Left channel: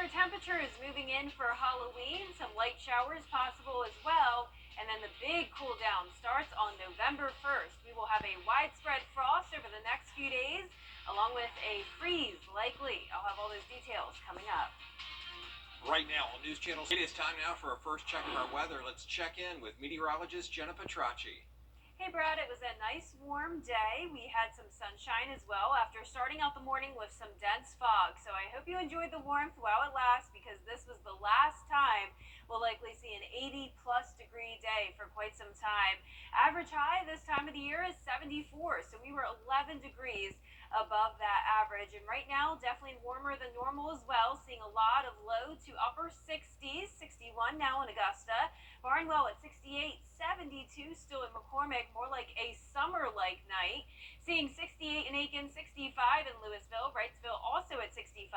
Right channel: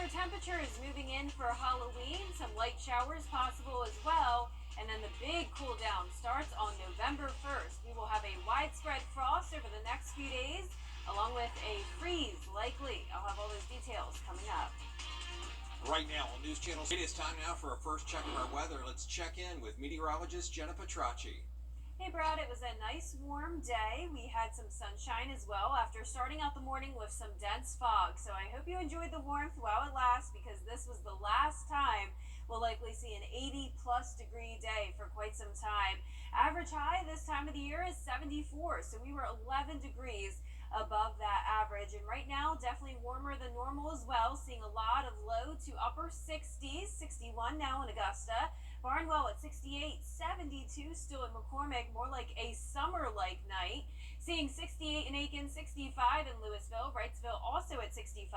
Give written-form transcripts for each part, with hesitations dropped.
cooler temperatures moving in for Halloween, some light showers possible as well, and then the big cool down starts on November 1st. We will have a widespread frost over the next few days, along with a freeze likely. I'll have all those details coming up. Right now on News Channel, it is time now for our first check of our weather. Let's check in with meteorologist Jenna Petracci. Hey Brad, it was a nice warm day. We had some sunshine as well after starting out the morning with some dense fog. So I hope you enjoyed the warmth while it lasts, because this was the last time we'll likely see an 80+ degree day for quite some time. Average high this time of the year is 74, so we were 11 degrees above that average, and right now definitely warmer than normal as well, seeing a lot of low to upper 60s. 61 now in Augusta, Barnwell at 68, 72 still in McCormick, more like a summer-like night. Seeing 68 in Aiken, 65 in Louisville, Wrightsville also at 65,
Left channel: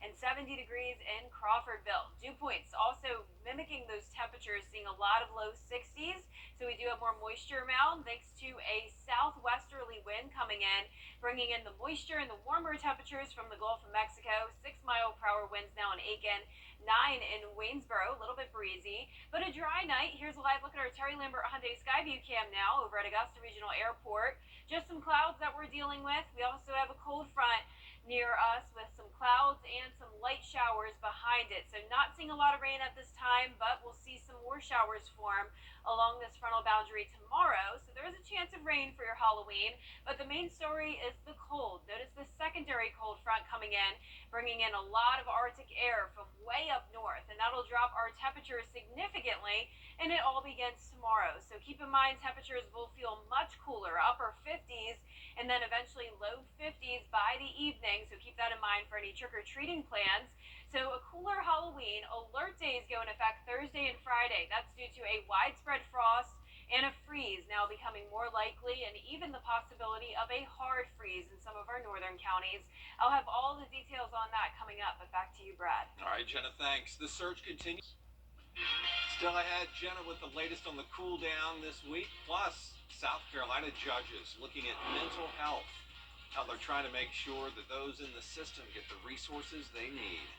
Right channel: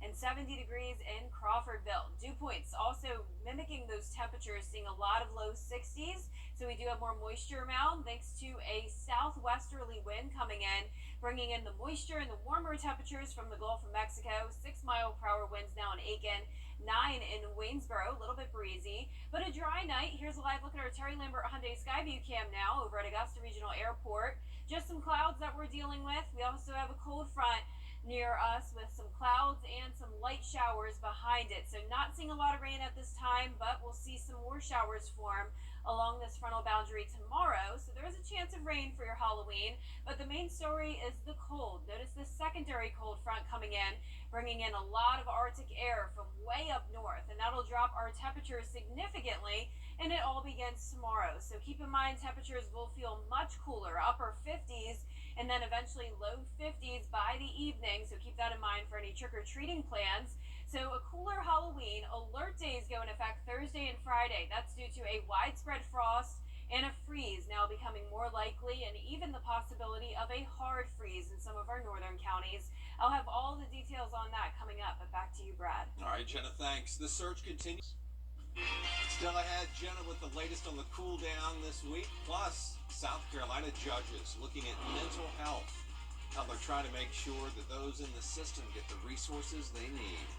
and 70 degrees in Crawfordville. Dew points also mimicking those temperatures, seeing a lot of low 60s, so we do have more moisture around thanks to a southwesterly wind coming in, bringing in the moisture and the warmer temperatures from the Gulf of Mexico. 6-mile-per-hour winds now in Aiken, 9 in Waynesboro, a little bit breezy, but a dry night. Here's a live look at our Terry Lambert Hyundai Skyview cam now over at Augusta Regional Airport. Just some clouds that we're dealing with. We also have a cold front near us with some clouds and some light showers behind it. So not seeing a lot of rain at this time, but we'll see some more showers form along this frontal boundary tomorrow. So there is a chance of rain for your Halloween, but the main story is the cold. Notice the secondary cold front coming in, bringing in a lot of Arctic air from way up north, and that'll drop our temperatures significantly, and it all begins tomorrow. So keep in mind, temperatures will feel much cooler, upper 50s, and then eventually low 50s by the evening. So keep that in mind for any trick-or-treating plans. So a cooler Halloween. Alert days go in effect Thursday and Friday. That's due to a widespread frost and a freeze now becoming more likely, and even the possibility of a hard freeze in some of our northern counties. I'll have all the details on that coming up, but back to you, Brad. All right, Jenna, thanks. The search continues. Still ahead, Jenna, with the latest on the cool down this week, plus South Carolina judges looking at mental health, how they're trying to make sure that those in the system get the resources they need.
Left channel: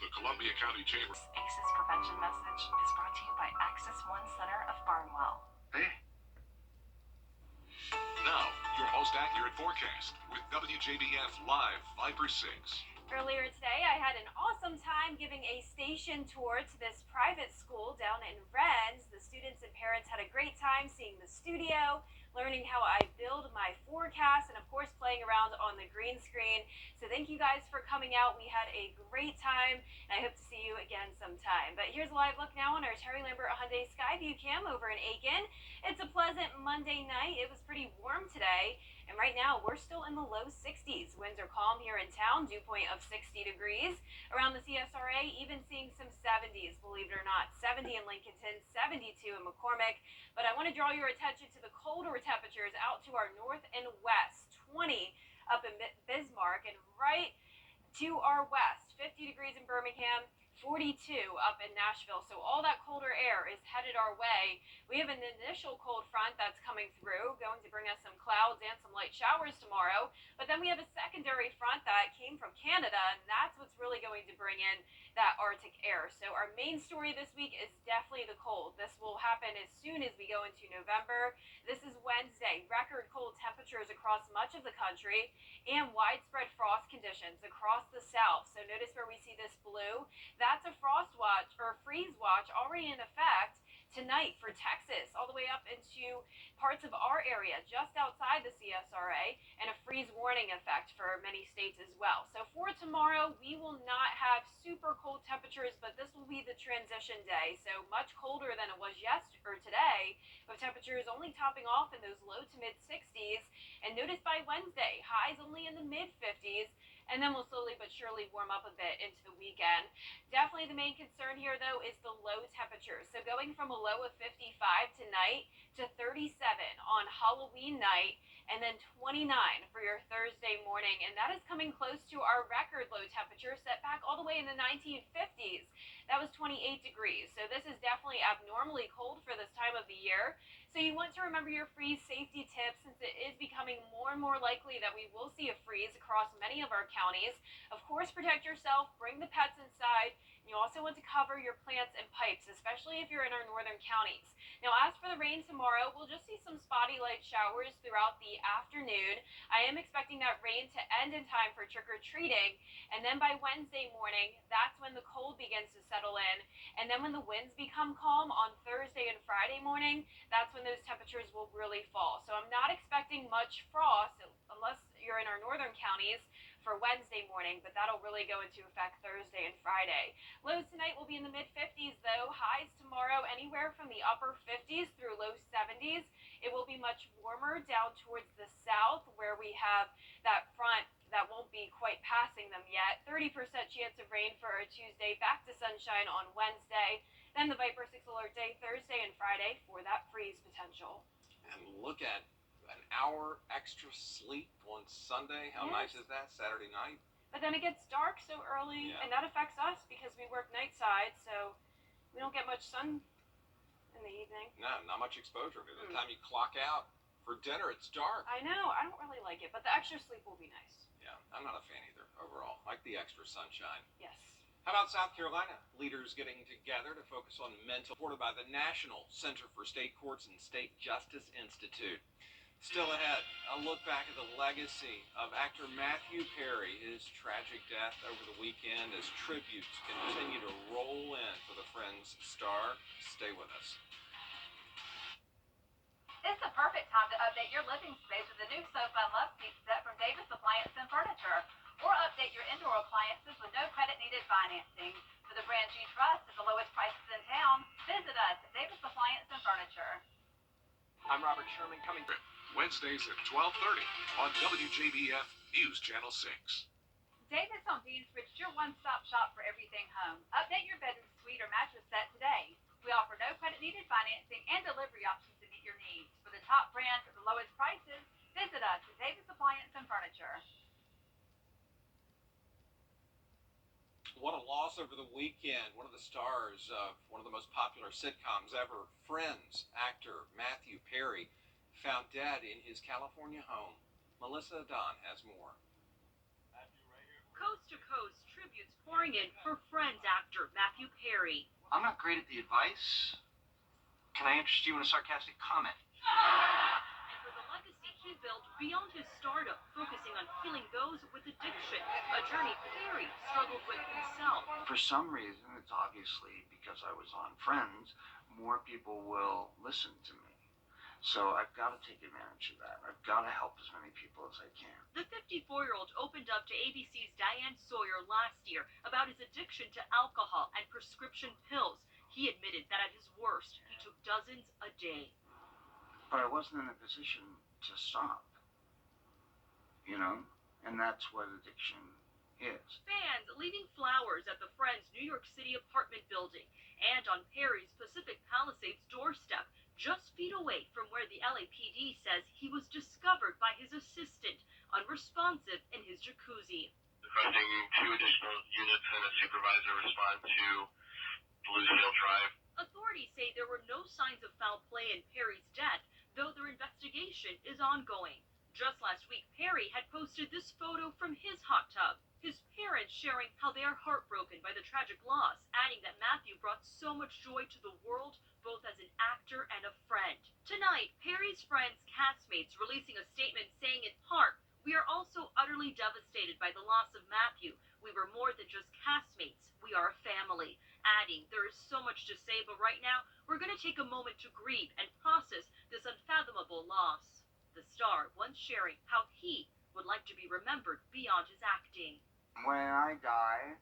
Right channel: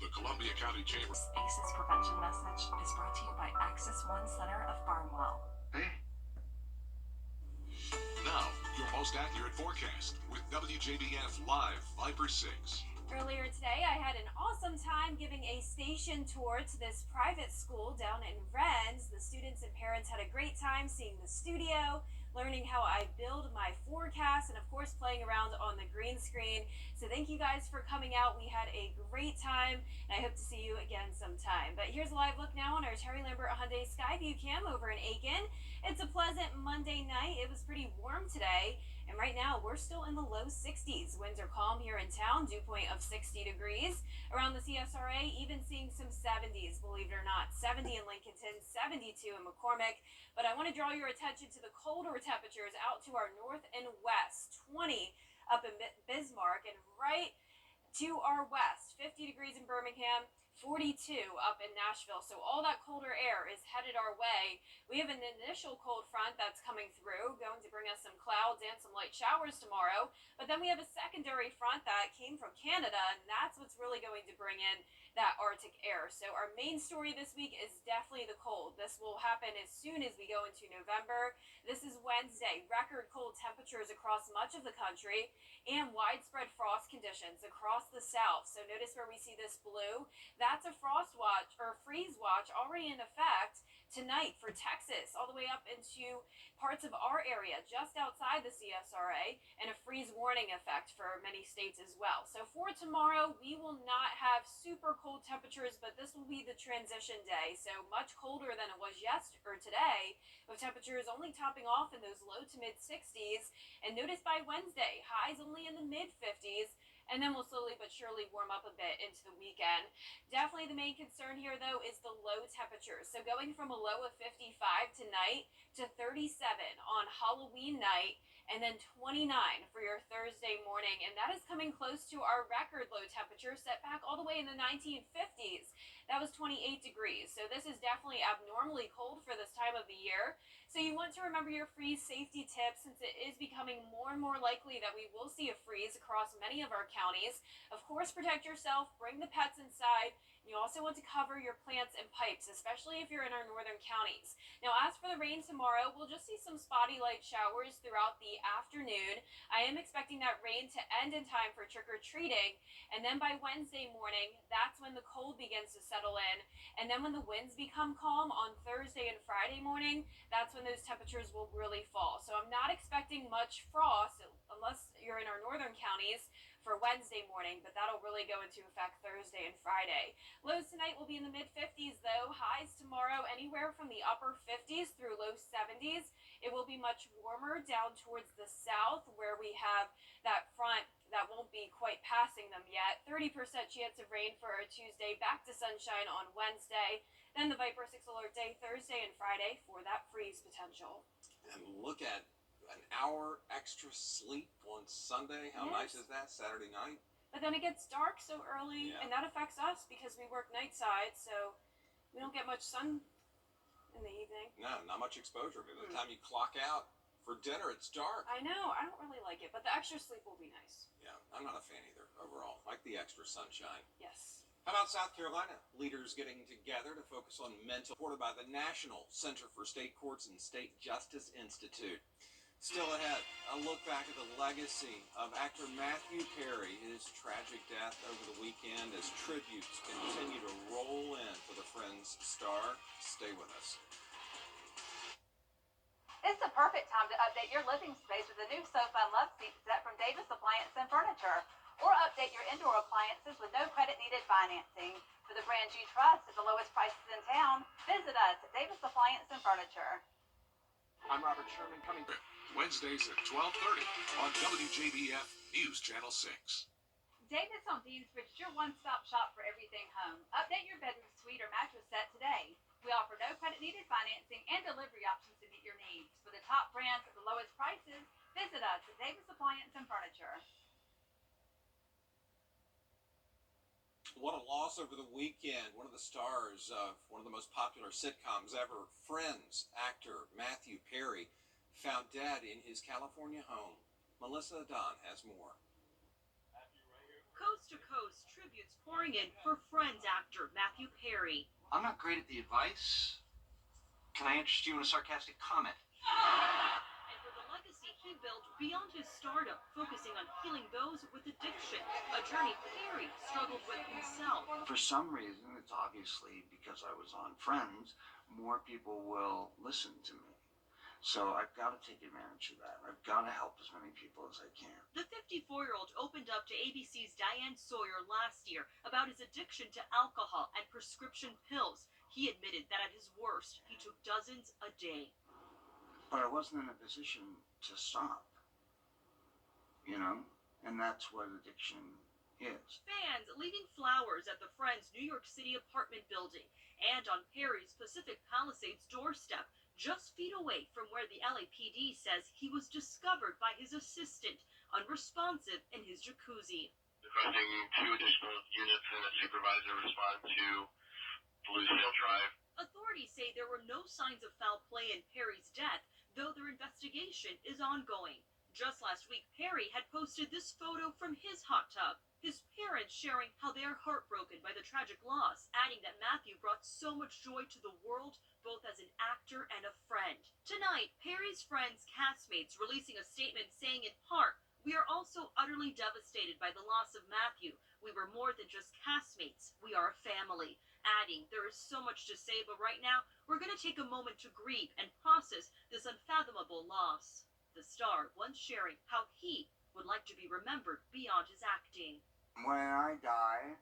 The Columbia County Chamber. ACEs prevention message is brought to you by Access One Center of Barnwell. Hey. Now, your most accurate forecast with WJBF Live Viper 6. Earlier today, I had an awesome time giving a station tour to this private school down in Rennes. The students and parents had a great time seeing the studio, learning how I build my forecast, and of course playing around on the green screen. So thank you guys for coming out. We had a great time, and I hope to see you again sometime. But here's a live look now on our Terry Lambert Hyundai Skyview cam over in Aiken. It's a pleasant Monday night. It was pretty warm today, and right now we're still in the low 60s. Winds are calm here in town, dew point of 60 degrees. Around the CSRA, even seeing some 70s, believe it or not. 70 in Lincolnton, 72 in McCormick. But I want to draw your attention to the colder temperatures out to our north and west. 20 up in Bismarck, and right to our west, 50 degrees in Birmingham, 42 up in Nashville. So all that colder air is headed our way. We have an initial cold front that's coming through, going to bring us some clouds and some light showers tomorrow. But then we have a secondary front that came from Canada, and that's what's really going to bring in that Arctic air. So our main story this week is definitely the cold. This will happen as soon as we go into November. This is Wednesday. Record cold temperatures across much of the country and widespread frost conditions across the south. So notice where we see this blue. That's a frost watch or freeze watch already in effect tonight for Texas, all the way up into parts of our area just outside the CSRA, and a freeze warning effect for many states as well. So for tomorrow, we will not have super cold temperatures, but this will be the transition day. So much colder than it was yesterday or today, with temperatures only topping off in those low to mid 60s. And notice by Wednesday, highs only in the mid 50s. And then we'll slowly but surely warm up a bit into the weekend. Definitely the main concern here, though, is the low temperatures. So going from a low of 55 tonight to 37 on Halloween night, and then 29 for your Thursday morning. And that is coming close to our record low temperature set back all the way in the 1950s. That was 28 degrees. So this is definitely abnormally cold for this time of the year. So you want to remember your freeze safety tips since it is becoming more and more likely that we will see a freeze across many of our counties. Of course, protect yourself, bring the pets inside. And you also want to cover your plants and pipes, especially if you're in our northern counties. Now, as for the rain tomorrow, we'll just see some spotty light showers throughout the afternoon. I am expecting that rain to end in time for trick-or-treating, and then by Wednesday morning, that's when the cold begins to settle in. And then when the winds become calm on Thursday and Friday morning, that's when those temperatures will really fall. So I'm not expecting much frost unless you're in our northern counties for Wednesday morning, but that'll really go into effect Thursday and Friday. Lows tonight will be in the mid-50s though. Highs tomorrow anywhere from the upper 50s through low 70s. It will be much warmer down towards the south where we have that front that won't be quite passing them yet. 30% chance of rain for our Tuesday, back to sunshine on Wednesday. Then the Viper 6 alert day Thursday and Friday for that freeze potential. And look at an hour extra sleep on Sunday. How nice is that? Saturday night. But then it gets dark so early, and that affects us because we work night side, so we don't get much sun in the evening. No, not much exposure. By the time you clock out for dinner, it's dark. I know. I don't really like it, but the extra sleep will be nice. Yeah, I'm not a fan either overall. Like the extra sunshine. Yes. How about South Carolina? Leaders getting together to focus on mental, supported by the National Center for State Courts and State Justice Institute. Still ahead, a look back at the legacy of actor Matthew Perry, his tragic death over the weekend as tributes continue to roll in for the Friends star. Stay with us. It's the perfect time to update your living space with a new sofa and love seat set from Davis Appliance and Furniture. Or update your indoor appliances with no credit needed financing. For the brands you trust at the lowest prices in town, visit us at Davis Appliance and Furniture. I'm Robert Sherman coming. Wednesdays at 12:30 on WJBF News Channel 6. Davis on Deansbridge is your one-stop shop for everything home. Update your bedroom suite or mattress set today. We offer no credit needed financing and delivery options to meet your needs. For the top brands at the lowest prices, visit us at Davis Appliance and Furniture. What a loss over the weekend. One of the stars of one of the most popular sitcoms ever, Friends, actor Matthew Perry, found dead in his California home. Melissa Don has more. Coast to coast, tributes pouring in for Friends actor Matthew Perry. I'm not great at the advice. Can I interest you in a sarcastic comment? And for the legacy he built beyond his stardom, focusing on healing those with addiction, a journey Perry struggled with himself. For some reason, it's obviously because I was on Friends, more people will listen to me. So I've got to take advantage of that. I've got to help as many people as I can. The 54-year-old opened up to ABC's Diane Sawyer last year about his addiction to alcohol and prescription pills. He admitted that at his worst, he took dozens a day. But I wasn't in a position to stop. You know? And that's what addiction is. Fans leaving flowers at the Friends New York City apartment building and on Perry's Pacific Palisades doorstep, just feet away from where the LAPD says he was discovered by his assistant, unresponsive in his jacuzzi. Requesting 2 additional units and a supervisor respond to Bluesville Drive. Authorities say there were no signs of foul play in Perry's death, though their investigation is ongoing. Just last week, Perry had posted this photo from his hot tub. His parents sharing how they are heartbroken by the tragic loss, adding that Matthew brought so much joy to the world, both as an actor and a friend. Tonight, Perry's Friends castmates releasing a statement saying in part, "We are also utterly devastated by the loss of Matthew. We were more than just castmates. We are a family." Adding, there is so much to say, but right now, we're going to take a moment to grieve and process this unfathomable loss. The star once sharing how he would like to be remembered beyond his acting. When I die,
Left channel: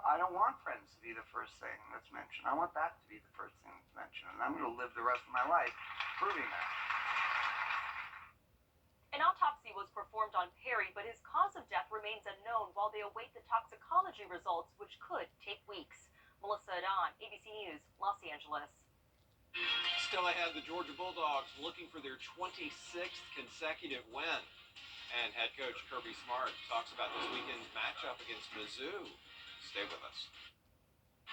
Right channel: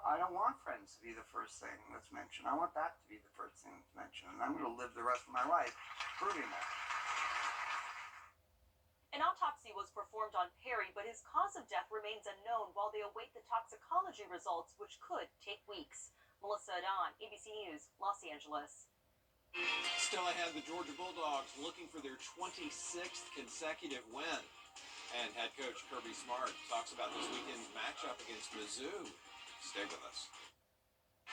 I don't want Friends to be the first thing that's mentioned. I want that to be the first thing that's mentioned. And I'm going to live the rest of my life proving that. An autopsy was performed on Perry, but his cause of death remains unknown while they await the toxicology results, which could take weeks. Melissa Don, ABC News, Los Angeles. Still ahead, the Georgia Bulldogs looking for their 26th consecutive win. And head coach Kirby Smart talks about this weekend's matchup against Mizzou. Stay with us.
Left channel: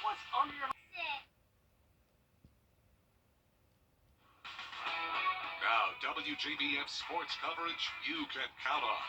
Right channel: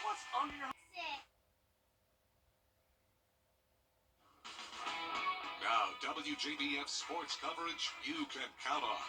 What's under your Now, WJBF sports coverage you can count on.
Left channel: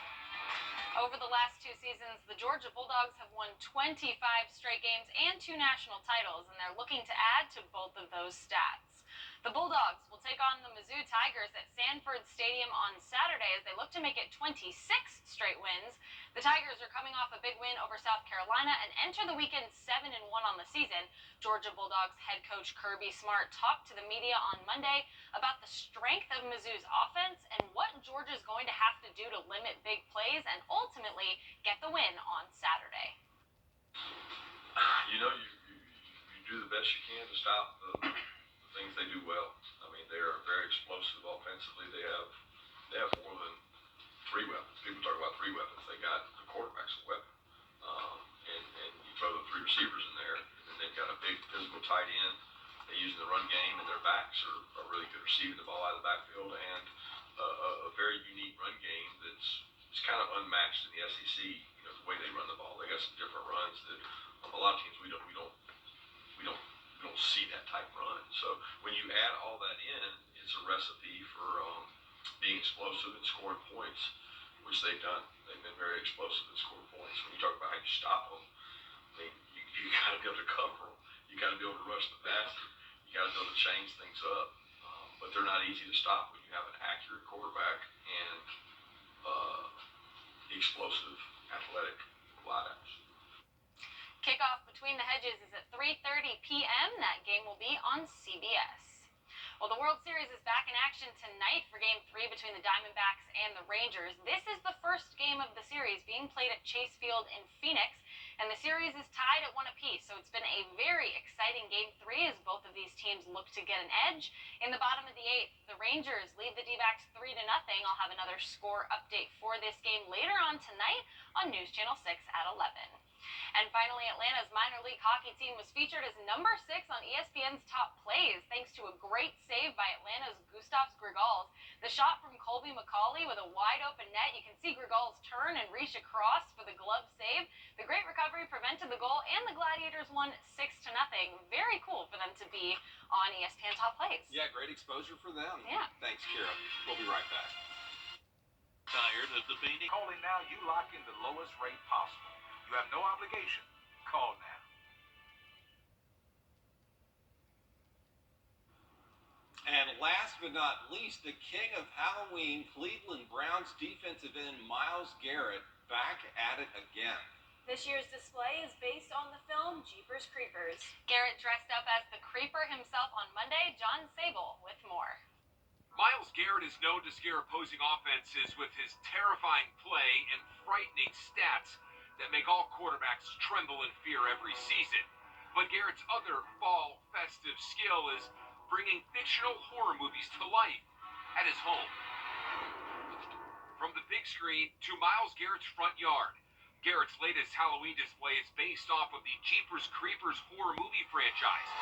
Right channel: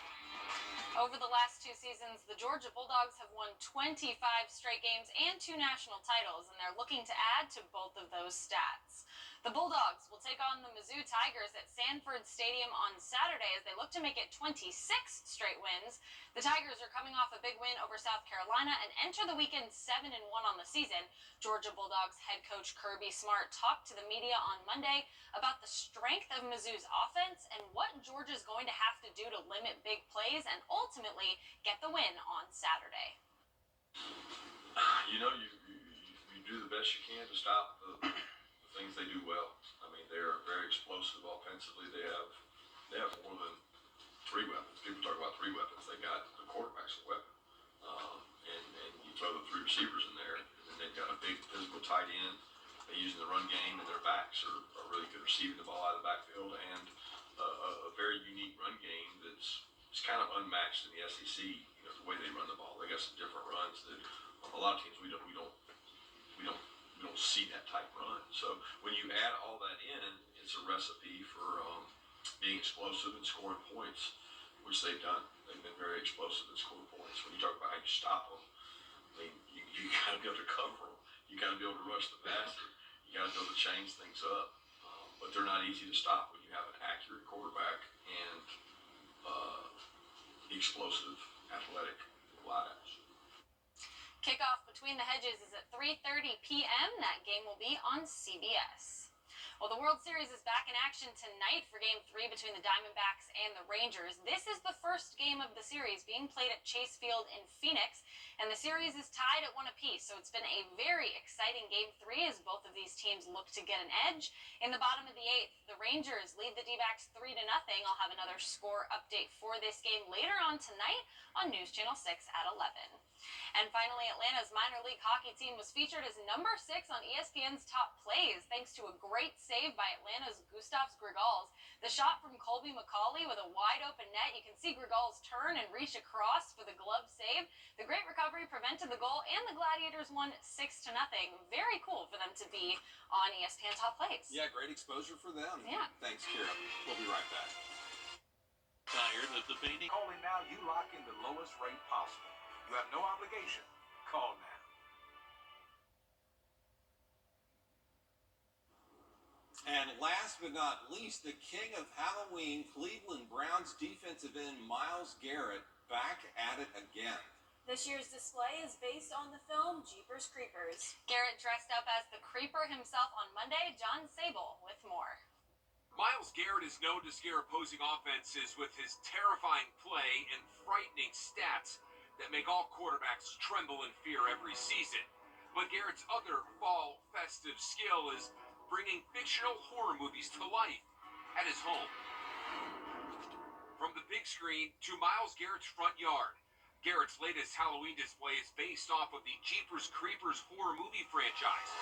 Over the last 2 seasons, the Georgia Bulldogs have won 25 straight games and 2 national titles, and they're looking to add to both of those stats. The Bulldogs will take on the Mizzou Tigers at Sanford Stadium on Saturday as they look to make it 26 straight wins. The Tigers are coming off a big win over South Carolina and enter the weekend 7-1 on the season. Georgia Bulldogs head coach Kirby Smart talked to the media on Monday about the strength of Mizzou's offense and what Georgia's going to have to do to limit big plays and ultimately get the win on Saturday. You know, you do the best you can to stop the things they do well. I mean, they are very explosive offensively. They have more than 3 weapons. People talk about 3 weapons. They got the quarterback's a weapon, and you throw the 3 receivers in there, and then they've got a big physical tight end. They use in the run game, and their backs are really good receiving the ball out of the backfield, and a very unique run game that's kind of unmatched in the SEC. You know, the way they run the ball. They got some different runs that a lot of teams we don't see that type run. So when you add all that in, it's a recipe for being explosive and scoring points, which they've done. They've been very explosive and scoring points. When you talk about how you stop them, I mean, you got to be able to cover them. You got to be able to rush the passer. You got to be able to change things up. But they're not easy to stop when you have an accurate quarterback and explosive, athletic wideouts. Kickoff between the hedges is at 3:30 p.m. That game will be on CBS. Well, the World Series is back in action tonight for Game 3 between the Diamondbacks and the Rangers. This is the first game of the series being played at Chase Field in Phoenix, and the series is tied at 1 apiece. So it's been a very exciting Game 3 as both of these teams look to get an edge. In the bottom of the 8th, the Rangers lead the D-backs 3-0. I'll have another score update for this game later on tonight on News Channel 6 at 11. And finally, Atlanta's minor league hockey team was featured as number 6 on ESPN's top plays thanks to a great save by Atlanta's Gustav Grigals. The shot from Colby McCauley with a wide open net. You can see Grigals turn and reach across for the glove save. The great recovery prevented the goal, and the Gladiators won 6-0. Very cool for them to be on ESPN top plays. Yeah, great exposure for them. Yeah. Thanks, Kira. We'll be right back. Tired of debating? Calling now, you lock in the lowest rate possible. You have no obligation. Call now. And last but not least, the king of Halloween, Cleveland Browns defensive end Myles Garrett back at it again. This year's display is based on the film Jeepers Creepers. Garrett dressed up as the Creeper himself on Monday. John Sable with more. Myles Garrett is known to scare opposing offenses with his terrifying play and frightening stats that make all quarterbacks tremble in fear every season. But Garrett's other fall festive skill is bringing fictional horror movies to life at his home. From the big screen to Myles Garrett's front yard, Garrett's latest Halloween display is based off of the Jeepers Creepers horror movie franchise.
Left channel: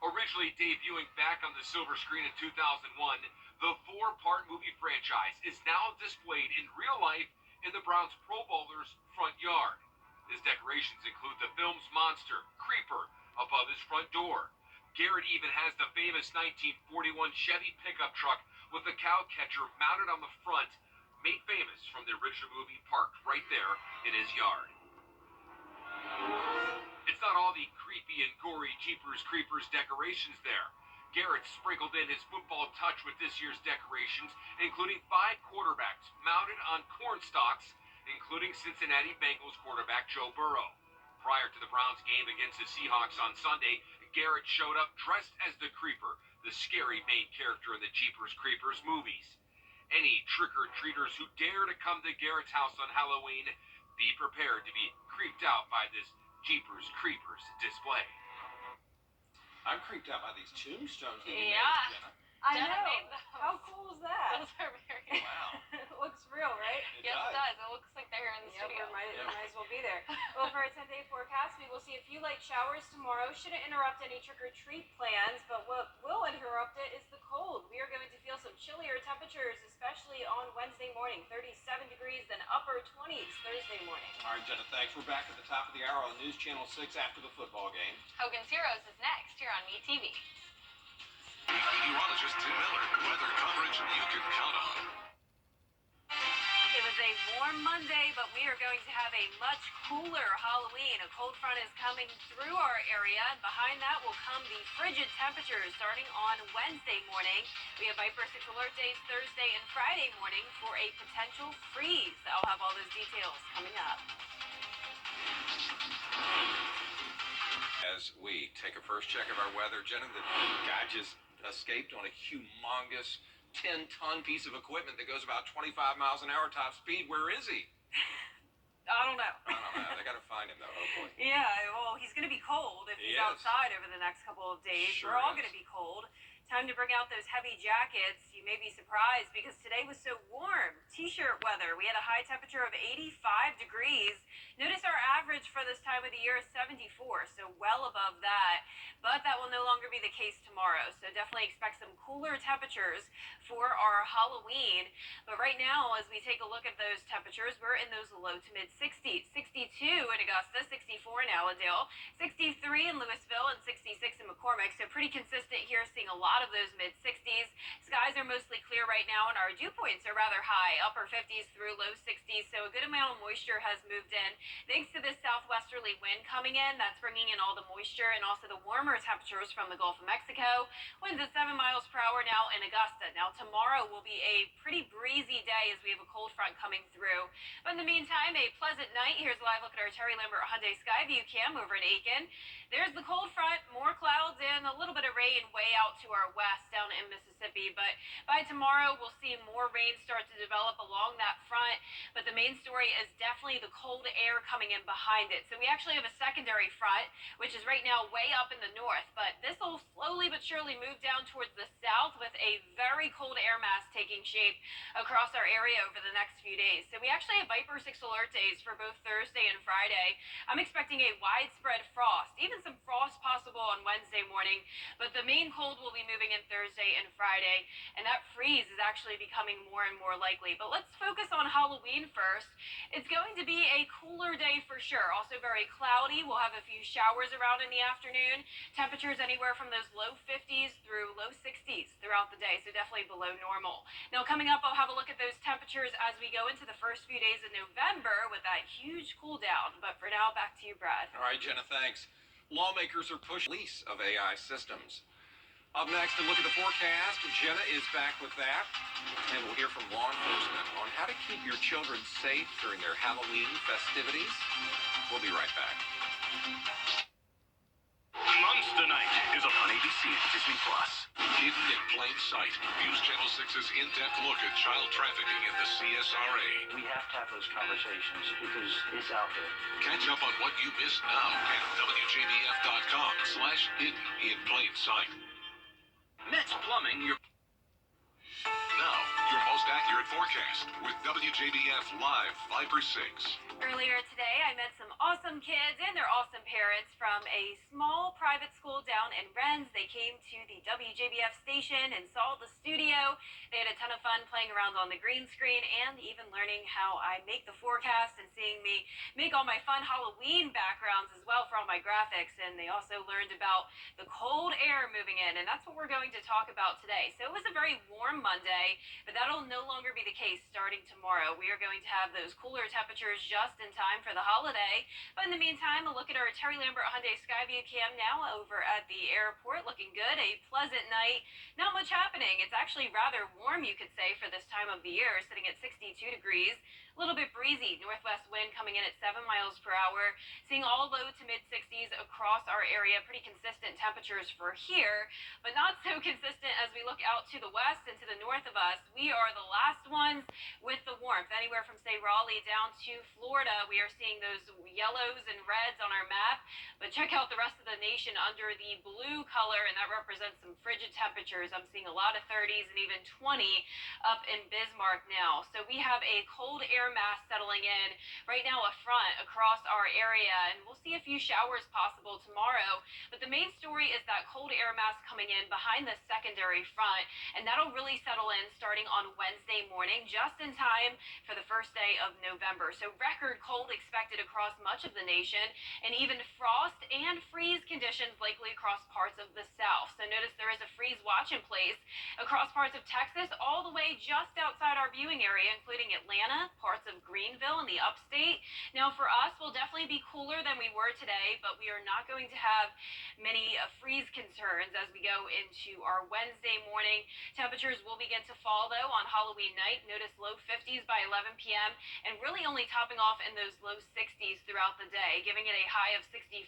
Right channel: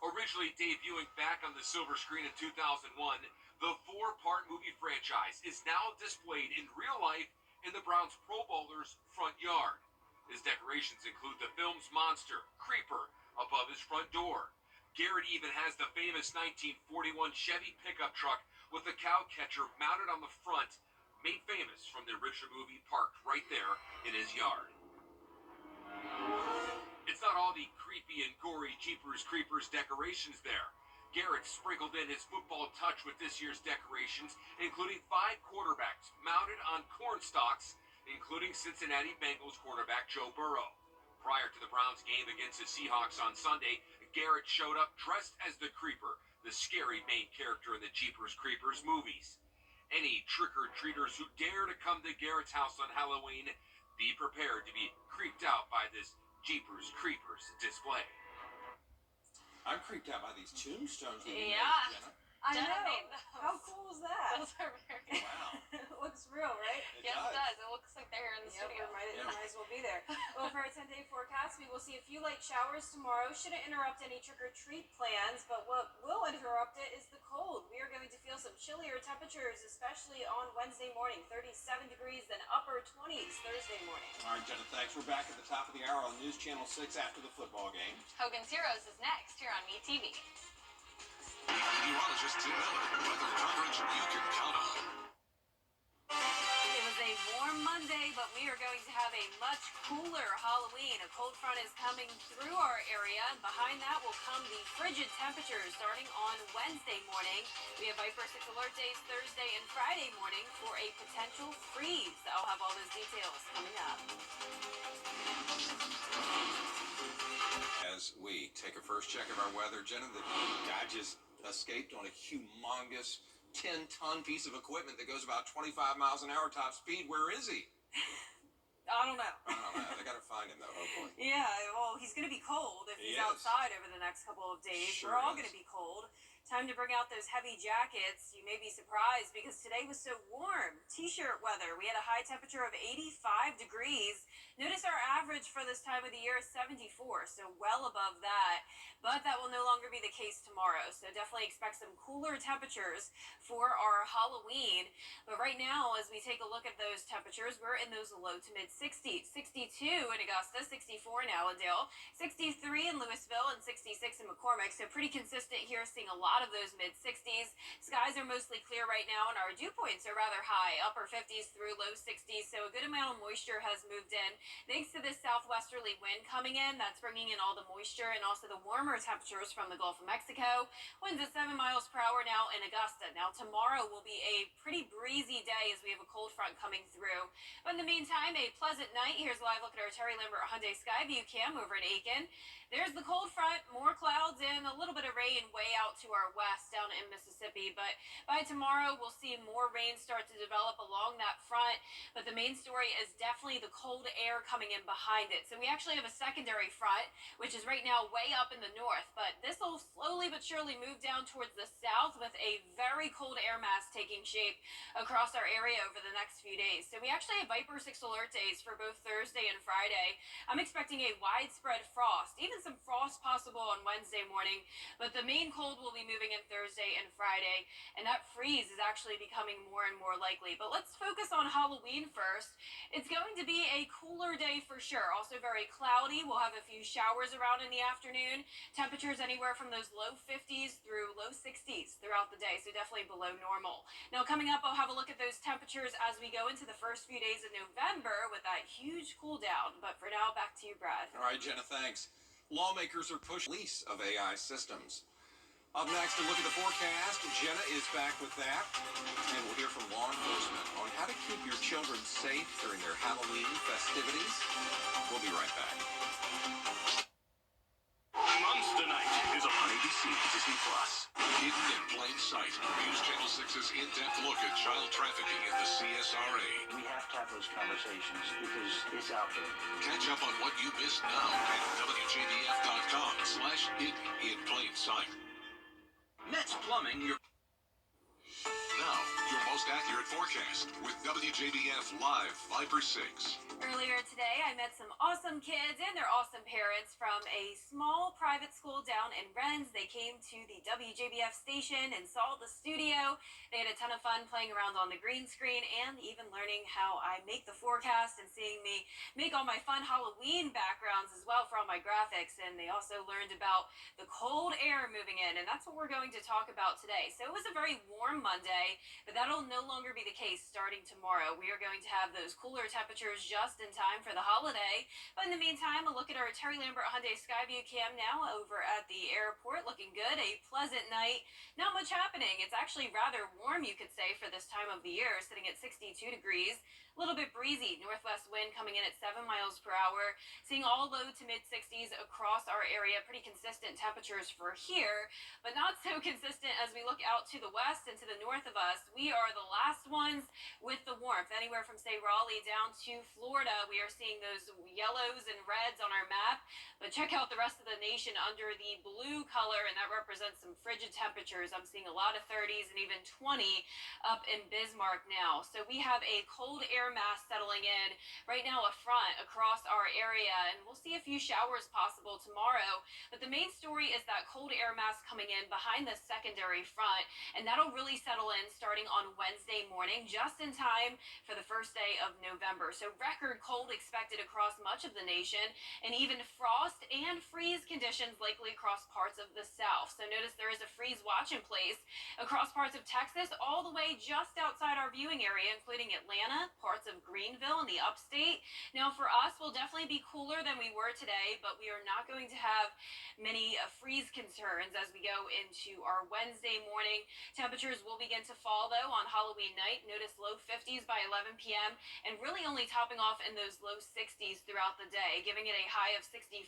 Originally debuting back on the silver screen in 2001, the 4-part movie franchise is now displayed in real life in the Browns Pro Bowler's front yard. His decorations include the film's monster, Creeper, above his front door. Garrett even has the famous 1941 Chevy pickup truck with a cow catcher mounted on the front, made famous from the original movie, parked right there in his yard. It's not all the creepy and gory Jeepers Creepers decorations there. Garrett sprinkled in his football touch with this year's decorations, including 5 quarterbacks mounted on corn stalks, including Cincinnati Bengals quarterback Joe Burrow. Prior to the Browns game against the Seahawks on Sunday, Garrett showed up dressed as the Creeper, the scary main character in the Jeepers Creepers movies. Any trick-or-treaters who dare to come to Garrett's house on Halloween, be prepared to be creeped out by this Jeepers Creepers display. I'm creeped out by these tombstones that you Yeah. made, Jenna. Jenna made those. How cool is that? Those are very Wow. looks real, right? It Yes, does. it does. It looks like they're here in the Yeah, studio. we might as well be there. Well, for our 10-day forecast, we will see a few light showers tomorrow. Shouldn't interrupt any trick-or-treat plans, but what will interrupt it is the cold. We are going to feel some chillier temperatures, especially on Wednesday morning. 37 degrees, then upper 20s Thursday morning. All right, Jenna, thanks. We're back at the top of the hour on News Channel 6 after the football game. Hogan's Heroes is next here on MeTV. Meteorologist Tim Miller. Weather coverage you can count on. It was a warm Monday, but we are going to have a much cooler Halloween. A cold front is coming through our area, and behind that will come the frigid temperatures starting on Wednesday morning. We have Viper 6 alert days Thursday and Friday morning for a potential freeze. I'll have all those details coming up. As we take a first check of our weather, Jenna, the guy just escaped on a humongous 10-ton piece of equipment that goes about 25 miles an hour top speed. Where is he? I don't know. I don't know. They got to find him, though, hopefully. Yeah, well, he's going to be cold if He he's is. outside over the next couple of days. Sure We're all is. going to be cold. Time to bring out those heavy jackets. You may be surprised because today was so warm. T-shirt weather. We had a high temperature of 85 degrees. Notice our average for this time of the year is 74, so well above that. But that will no longer be the case tomorrow. So definitely expect some cooler temperatures for our Halloween. But right now, as we take a look at those temperatures, we're in those low to mid 60s. 62 in Augusta, 64 in Allendale, 63 in Louisville, and 66 in McCormick. So pretty consistent here, seeing a lot of those mid 60s. Skies are mostly clear right now, and our dew points are rather high, upper 50s through low 60s. So a good amount of moisture has moved in. Thanks to this southwesterly wind coming in, that's bringing in all the moisture and also the warmer temperatures from the Gulf of Mexico. Winds at 7 miles per hour now in Augusta. Now tomorrow will be a pretty breezy day as we have a cold front coming through. But in the meantime, a pleasant night. Here's a live look at our Terry Lambert Hyundai Skyview cam over in Aiken. There's the cold front, more clouds and a little bit of rain way out to our west down in Mississippi. But by tomorrow, we'll see more rain start to develop along that front. But the main story is definitely the cold air coming in behind it. So we actually have a secondary front, which is right now way up in the north. But this will slowly but surely move down towards the south with a very cold air mass taking shape across our area over the next few days. So we actually have Viper 6 alert days for both Thursday and Friday. I'm expecting a widespread frost, even some frost possible on Wednesday morning, but the main cold will be moving in Thursday and Friday, and that freeze is actually becoming more and more likely. But let's focus on Halloween first. It's going to be a cooler day for sure. Also very cloudy. We'll have a few showers around in the afternoon. Temperatures anywhere from those low 50s through low 60s throughout the day, so definitely below normal. Now coming up, I'll have a look at those temperatures as we go into the first few days of November with that huge cool down. But for now, back to you, Brad. All right, Jenna, thanks. Lawmakers are pushing release of AI systems. Up next, to look at the forecast, Jenna is back with that. And we'll hear from law enforcement on how to keep your children safe during their Halloween festivities. We'll be right back. Monster Night is on ABC Disney Plus. Hidden in plain sight. News Channel 6's in-depth look at child trafficking in the CSRA. We have to have those conversations because it's out there. Catch up on what you missed now at WJBF.com/hidden in plain sight. Next Plumbing, now, your most accurate forecast with WJBF Live Viper 6. Earlier today, I met some awesome kids and their awesome parents from a small private school down in Rennes. They came to the WJBF station and saw the studio. They had a ton of fun playing around on the green screen and even learning how I make the forecast and seeing me make all my fun Halloween backgrounds as well for all my graphics. And they also learned about the cold air moving in, and that's what we're going to talk about today. So it was a very warm Monday, but that'll no longer be the case starting tomorrow. We are going to have those cooler temperatures just in time for the holiday. But in the meantime, a look at our Terry Lambert Hyundai Skyview cam now over at the airport. Looking good, a pleasant night. Not much happening. It's actually rather warm, you could say, for this time of the year, sitting at 62 degrees. A little bit breezy, northwest wind coming in at 7 miles per hour, seeing all low to mid 60s across our area. Pretty consistent temperatures for here, but not so consistent as we look out to the west and to the north of us. We are the last ones with the warmth. Anywhere from, say, Raleigh down to Florida, we are seeing those yellows and reds on our map. But check out the rest of the nation under the blue color, and that represents some frigid temperatures. I'm seeing a lot of 30s and even 20 up in Bismarck now. So we have a cold air mass settling in right now, a front across our area, and we'll see a few showers possible tomorrow. But the main story is that cold air mass coming in behind the secondary front, and that'll really settle in starting on Wednesday morning, just in time for the first day of November. So record cold expected across much of the nation, and even frost and freeze conditions likely across parts of the south. So notice there is a freeze watch in place across parts of Texas, all the way just outside our viewing area, including Atlanta, parts of Greenville, and the upstate. Now for us, we'll definitely be cooler than we were today, but we are not going to have many freeze concerns as we go into our Wednesday morning. Temperatures will begin to fall, though, on Halloween night. Notice low 50s by 11 p.m. and really only topping off in those low 60s throughout the day, giving it a high of 65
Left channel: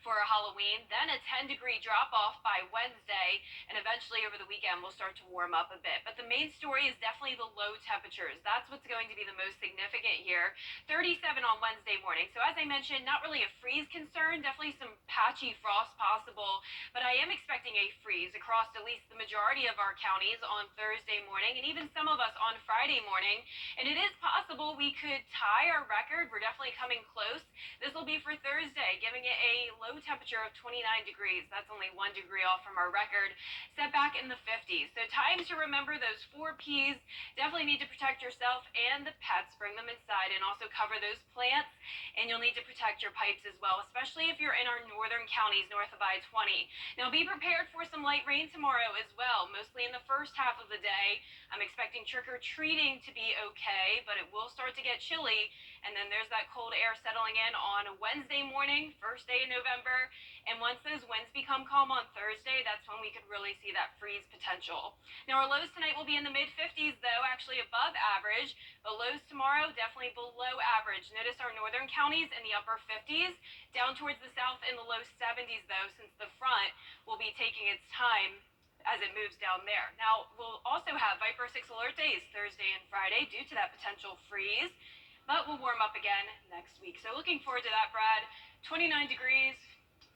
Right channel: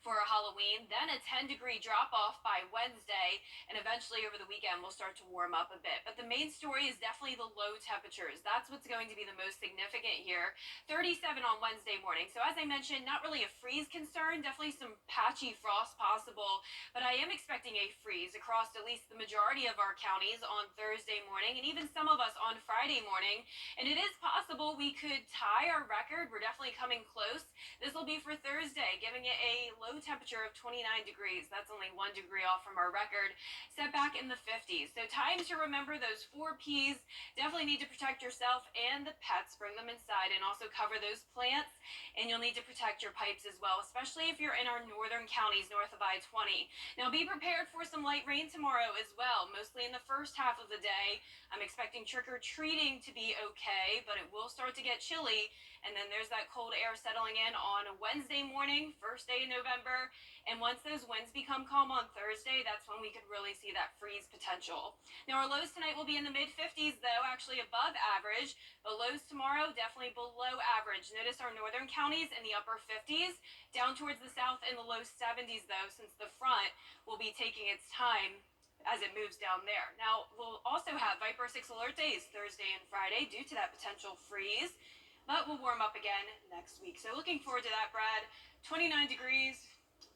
for Halloween. Then a 10-degree drop-off by Wednesday, and eventually over the weekend we'll start to warm up a bit. But the main story is definitely the low temperatures. That's what's going to be the most significant here. 37 on Wednesday morning. So as I mentioned, not really a freeze concern, definitely some patchy frost possible, but I am expecting a freeze across at least the majority of our counties on Thursday morning, and even some of us on Friday morning. And it is possible we could tie our record. We're definitely coming close. This will be for Thursday, giving it a low temperature of 29 degrees. That's only 1 degree off from our record, set back in the 50s. So time to remember those 4 Ps. Definitely need to protect yourself and the pets. Bring them inside, and also cover those plants. And you'll need to protect your pipes as well, especially if you're in our northern counties north of I-20. Now be prepared for some light rain tomorrow as well, mostly in the first half of the day. I'm expecting trick-or-treating to be okay, but it will start to get chilly. And then there's that cold air settling in on Wednesday morning, first day in November. And once those winds become calm on Thursday, that's when we could really see that freeze potential. Now our lows tonight will be in the mid-50s, though, actually above average. But lows tomorrow, definitely below average. Notice our northern counties in the upper 50s, down towards the south in the low 70s, though, since the front will be taking its time as it moves down there. Now, we'll also have Viper 6 alert days Thursday and Friday due to that potential freeze, but we'll warm up again next week. So looking forward to that, Brad. 29 degrees.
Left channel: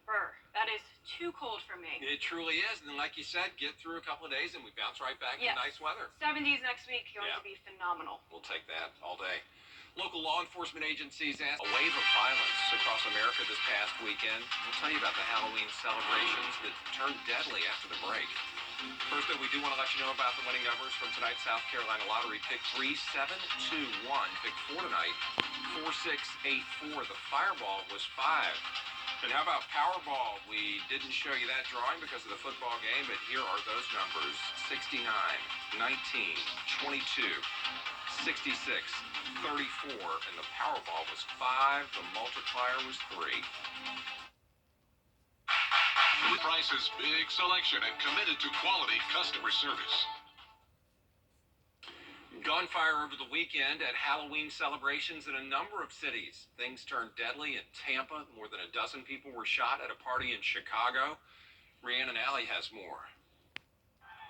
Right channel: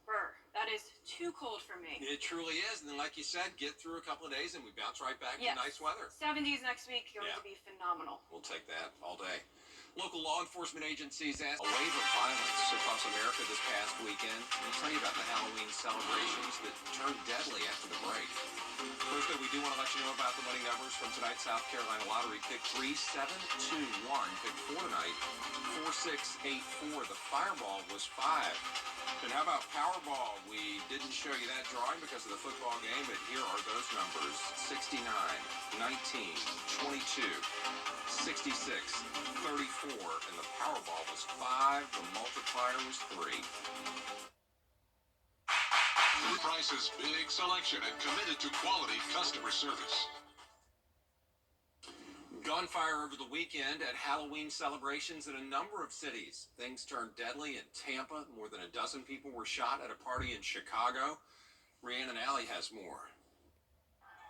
Brr, that is too cold for me. It truly is. And then, like you said, get through a couple of days and we bounce right back to nice weather. 70s next week, going to be phenomenal. We'll take that all day. Local law enforcement agencies asked a wave of violence across America this past weekend. We'll tell you about the Halloween celebrations that turned deadly after the break. First, though, we do want to let you know about the winning numbers from tonight's South Carolina lottery. Pick 3, 7, 2, 1. Pick 4 tonight, 4, 6, 8, 4. The fireball was 5. And how about Powerball? We didn't show you that drawing because of the football game, but here are those numbers: 69, 19, 22, 66, 34, and the Powerball was 5. The multiplier was 3. Prices, big selection, and committed to quality customer service. Gunfire over the weekend at Halloween celebrations in a number of cities. Things turned deadly in Tampa. More than a dozen people were shot at a party in Chicago. Rhiannon Alley has more.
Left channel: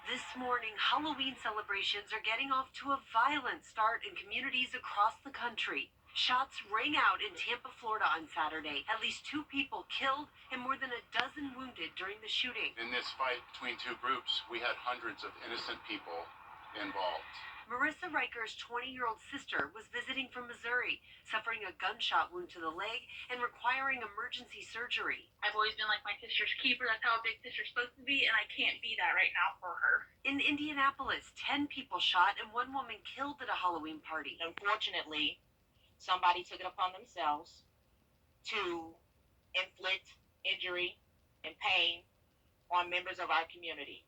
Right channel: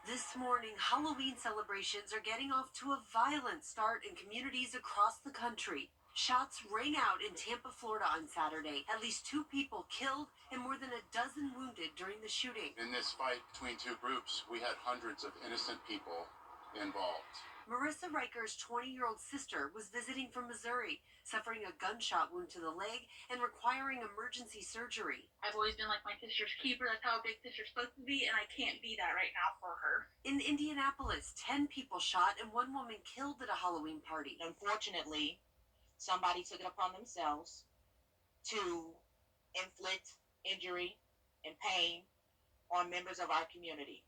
This morning, Halloween celebrations are getting off to a violent start in communities across the country. Shots rang out in Tampa, Florida on Saturday. At least 2 people killed and more than a dozen wounded during the shooting. In this fight between 2 groups, we had hundreds of innocent people involved. Marissa Riker's 20-year-old sister was visiting from Missouri, suffering a gunshot wound to the leg and requiring emergency surgery. I've always been like my sister's keeper. That's how a big sister's supposed to be, and I can't be that right now for her. In Indianapolis, 10 people shot and 1 woman killed at a Halloween party. Unfortunately, somebody took it upon themselves to inflict injury and pain on members of our community,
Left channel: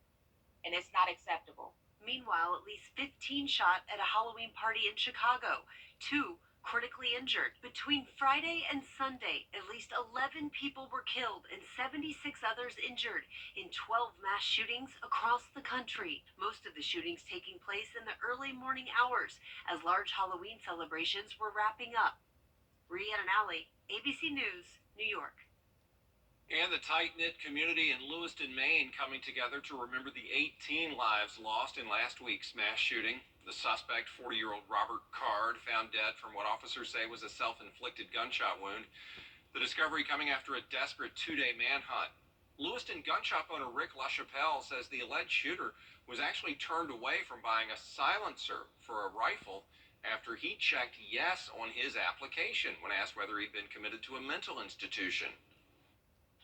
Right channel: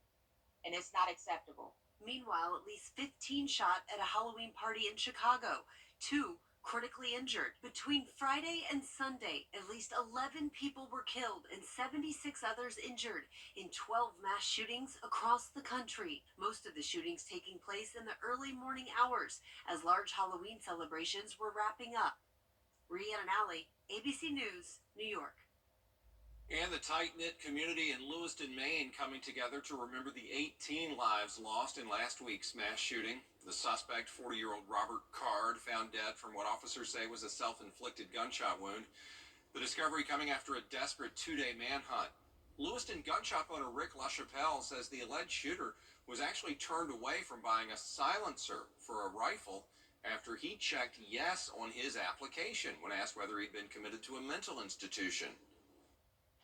and it's not acceptable. Meanwhile, at least 15 shot at a Halloween party in Chicago. 2 critically injured. Between Friday and Sunday, at least 11 people were killed and 76 others injured in 12 mass shootings across the country. Most of the shootings taking place in the early morning hours as large Halloween celebrations were wrapping up. Rhiannon Alley, ABC News, New York. And the tight-knit community in Lewiston, Maine coming together to remember the 18 lives lost in last week's mass shooting. The suspect, 40-year-old Robert Card, found dead from what officers say was a self-inflicted gunshot wound. The discovery coming after a desperate two-day manhunt. Lewiston gun shop owner Rick LaChapelle says the alleged shooter was actually turned away from buying a silencer for a rifle after he checked yes on his application when asked whether he'd been committed to a mental institution.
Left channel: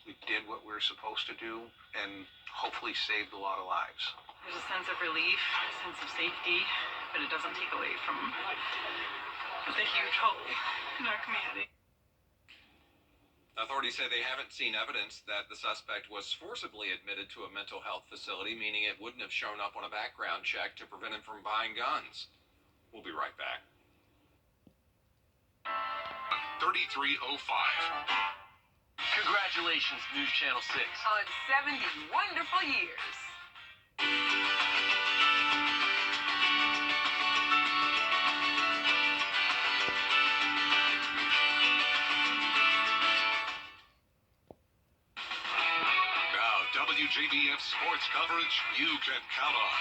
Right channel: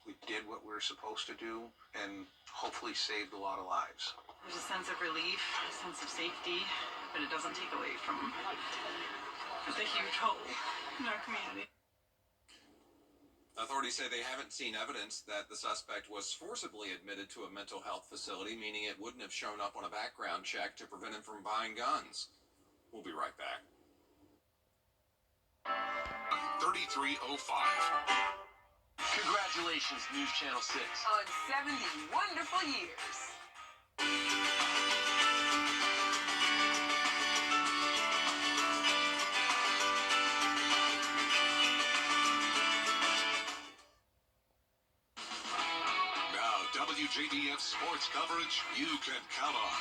We did what we were supposed to do and hopefully saved a lot of lives. There's a sense of relief, a sense of safety, but it doesn't take away from the huge hope in our community. Authorities say they haven't seen evidence that the suspect was forcibly admitted to a mental health facility, meaning it wouldn't have shown up on a background check to prevent him from buying guns. We'll be right back. 3305. Congratulations, News Channel 6. On 70 wonderful years. Now, WJBF sports coverage you can count on.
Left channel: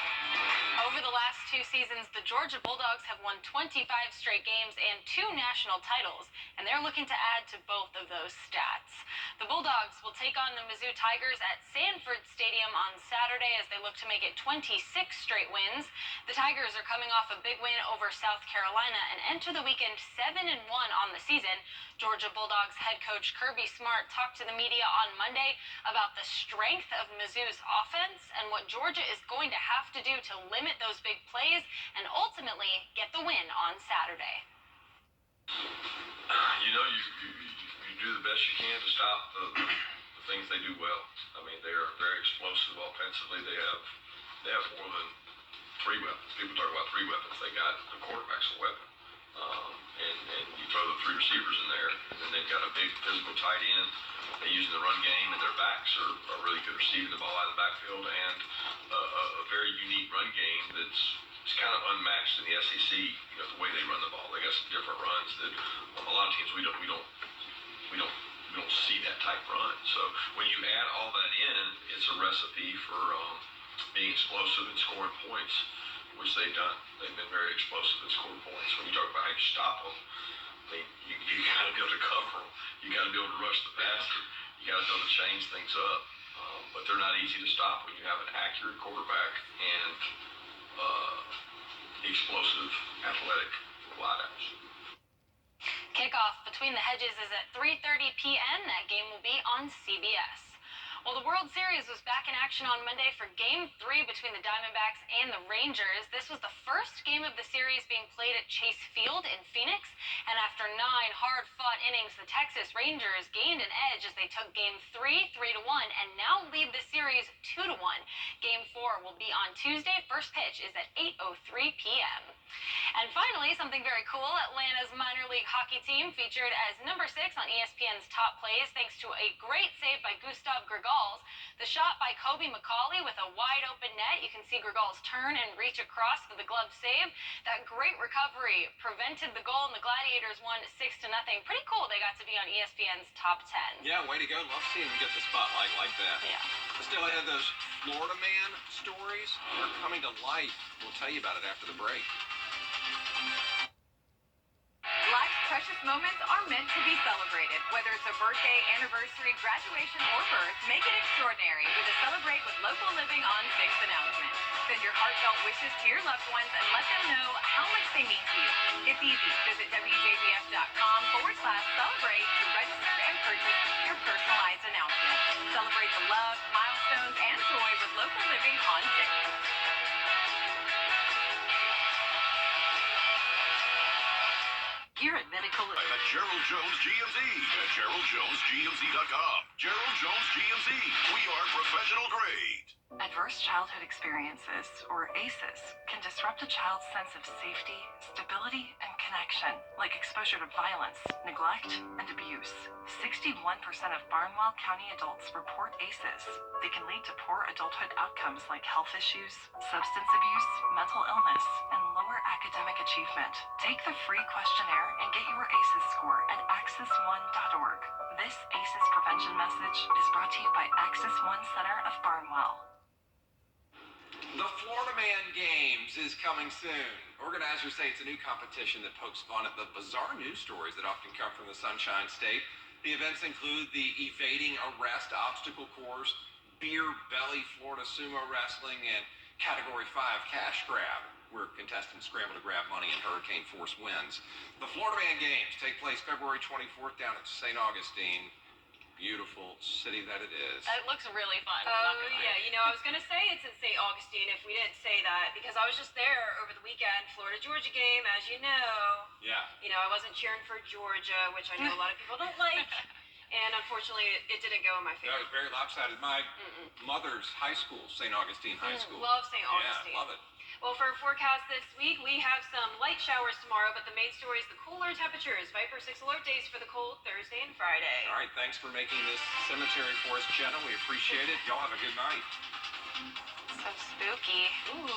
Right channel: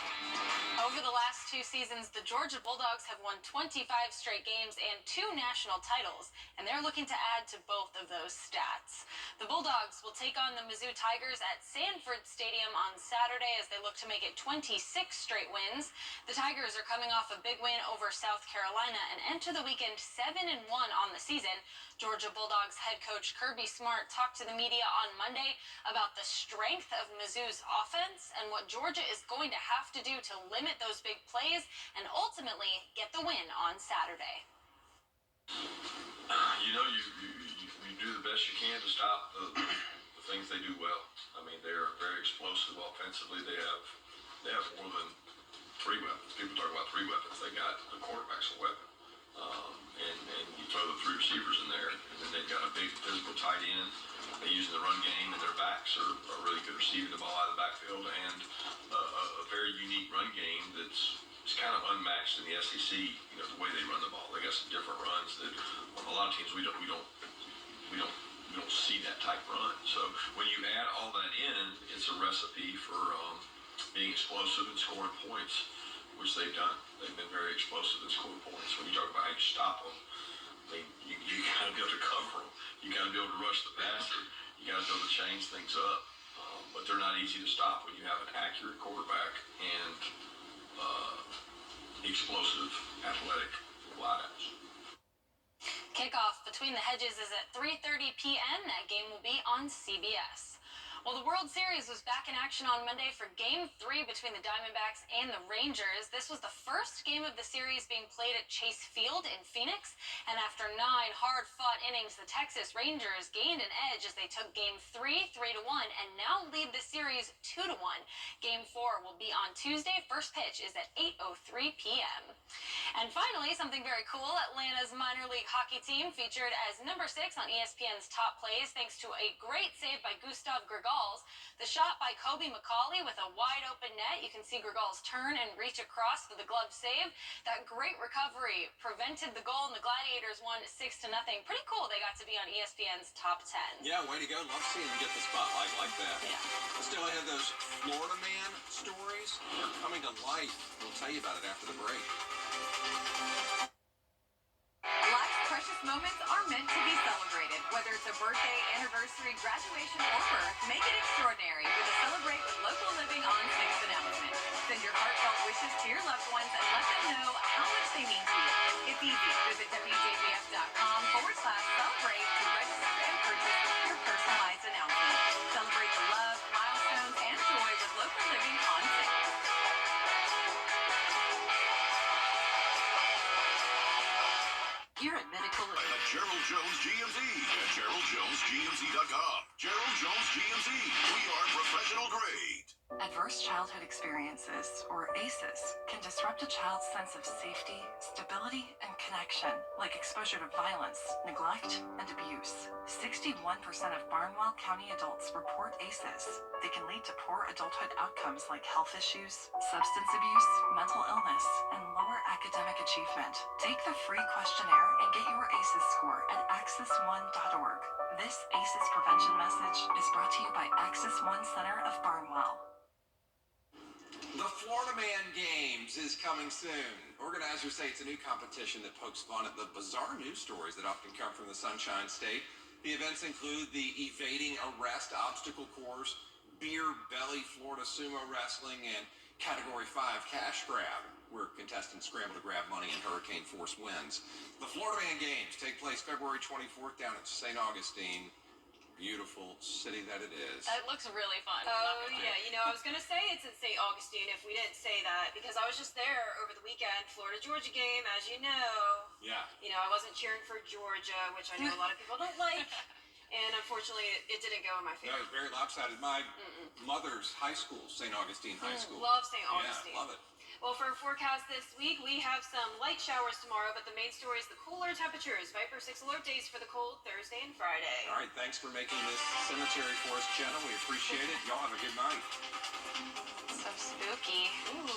Over the last 2 seasons, the Georgia Bulldogs have won 25 straight games and 2 national titles, and they're looking to add to both of those stats. The Bulldogs will take on the Mizzou Tigers at Sanford Stadium on Saturday as they look to make it 26 straight wins. The Tigers are coming off a big win over South Carolina and enter the weekend 7-1 on the season. Georgia Bulldogs head coach Kirby Smart talked to the media on Monday about the strength of Mizzou's offense and what Georgia is going to have to do to limit those big plays and ultimately get the win on Saturday. You know, you do the best you can to stop the things they do well. I mean, they are very explosive offensively. They have more than 3 weapons. People talk about 3 weapons. They got the quarterback's a weapon. And you throw the 3 receivers in there, and then they've got a big physical tight end. They use the run game, and their backs are really good receiving the ball out of the backfield, and a very unique run game it's kind of unmatched in the SEC. You know, the way they run the ball. They got some different runs that a lot of teams we don't see that type run. So when you add all that in, it's a recipe for being explosive and scoring points, which they've done. They've been very explosive and scoring points. When you talk about how you stop them, you got to be able to cover them. You got to be able to rush the passer. You got to be able to change things up. But they're not easy to stop when you have an accurate quarterback and explosive, athletic wideouts. Kickoff between the hedges is at 3:30 p.m. That game will be on CBS. Well, the World Series was back in action on Monday for Game 3 between the Diamondbacks and the Rangers. This was the first game of the series being played at Chase Field in Phoenix. And after 9 hard-fought innings, the Texas Rangers gained an edge as they took Game 3 3-1 and now lead the series 2-1. Game 4 will be on Tuesday. First pitch is at 8:03 p.m. And finally, something very cool. Atlanta's minor league hockey team featured as number 6 on ESPN's Top Plays thanks to a great save by Gustav Grigals. The shot by Kobe McCauley with a wide open net. You can see Grigals turn and reach across for the glove save. That great recovery prevented the goal, and the Gladiators won 6-0. Pretty cool. They got to be on ESPN's Top 10. Yeah, way to go. Love seeing them get the spotlight like that. Yeah. Still, I have those Florida Man stories. They're coming to life. We'll tell you about it after the break. Life's precious moments are meant to be celebrated. Whether it's a birthday, anniversary, graduation, or birth, make it extraordinary with a Celebrate with Local Living on 6 announcement. Send your heartfelt wishes to your loved ones and let them know how much they mean to you. It's easy. Visit WJBF.com/celebrate to register and purchase your personalized announcement. Celebrate the love, milestones, and joy with Local Living on 6. Here at Medical At Gerald Jones GMC at GeraldJonesGMC.com. Gerald Jones GMC. We are professional grade. Adverse childhood experiences, or ACEs, can disrupt a child's sense of safety, stability, and connection, like exposure to violence, neglect, and abuse. 61% of Barnwell County adults report ACEs. They can lead to poor adulthood outcomes like health issues, substance abuse, mental illness, and lower academic achievement. Take the free questionnaire and get your ACEs score at access1.org. This ACEs prevention message is brought to you by Access One Center of Barnwell. The Florida Man Games is coming soon. Organizers say it's a new competition that pokes fun at the bizarre news stories that often come from the Sunshine State. The events include the evading arrest obstacle course, beer belly Florida sumo wrestling, and Category 5 cash grab, where contestants scramble to grab money in hurricane force winds. The Florida Man Games take place February 24th down at St. Augustine. Beautiful city that it is. It looks really fun. Oh, yeah. You know, I was going to say it's in St. Augustine if we didn't say that, because I was just there over the weekend, Florida-Georgia game, as you know. Yeah. You know, I wasn't cheering for Georgia, which I know a lot of people don't like. And unfortunately, it didn't go in my favor. That was very lopsided. My mother's high school, St. Augustine High School. Love St. Augustine. Yeah, love it. Well, for our forecast this week, we have some light showers tomorrow, but the main story is the cooler temperatures. Viper 6 alert days for the cold Thursday and Friday. All right, thanks for making this cemetery for us, Jenna. We appreciate it. Y'all have a good night. So spooky. Ooh.